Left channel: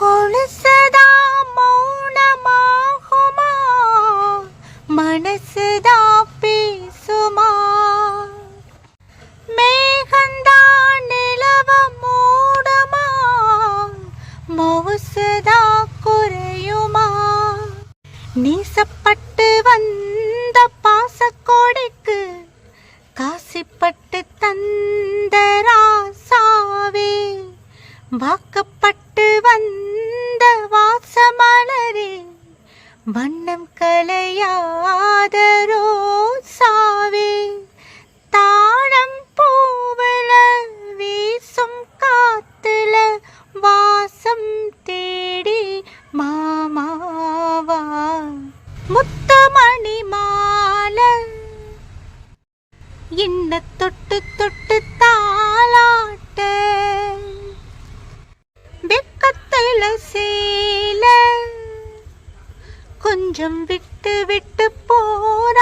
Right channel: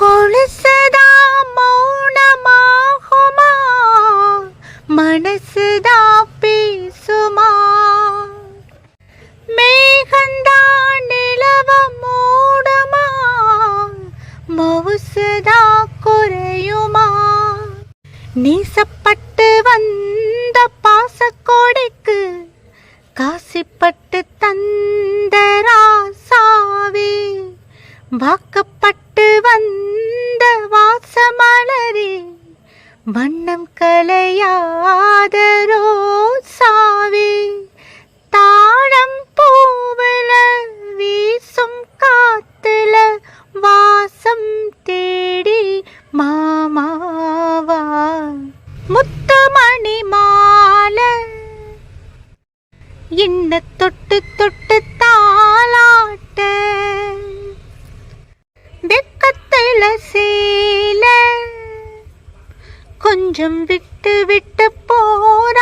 கொலுசுதா மௌனமாகுமா, மனசுதா பேசுமா, மேகந்தா நிலவ மூடுமா, மவுசுதா குறையுமா, நீசப்பட்டு வந்த பாசக்கோடைக்கு காசிப்பட்டு தந்த ராசாவே, வாக்கப்பட்டு வந்த வாசமலரே, வண்ணம் கலையாத ரோசாவே, தாழம் பூவுல வீசும் காத்துல வாசம் தேடி மாமாவா, முத்துமணி மாலை என்ன தொட்டு தொட்டு தாளாட்ட, வெக்கத்தில சேல கொஞ்சம் விட்டு விட்டு போற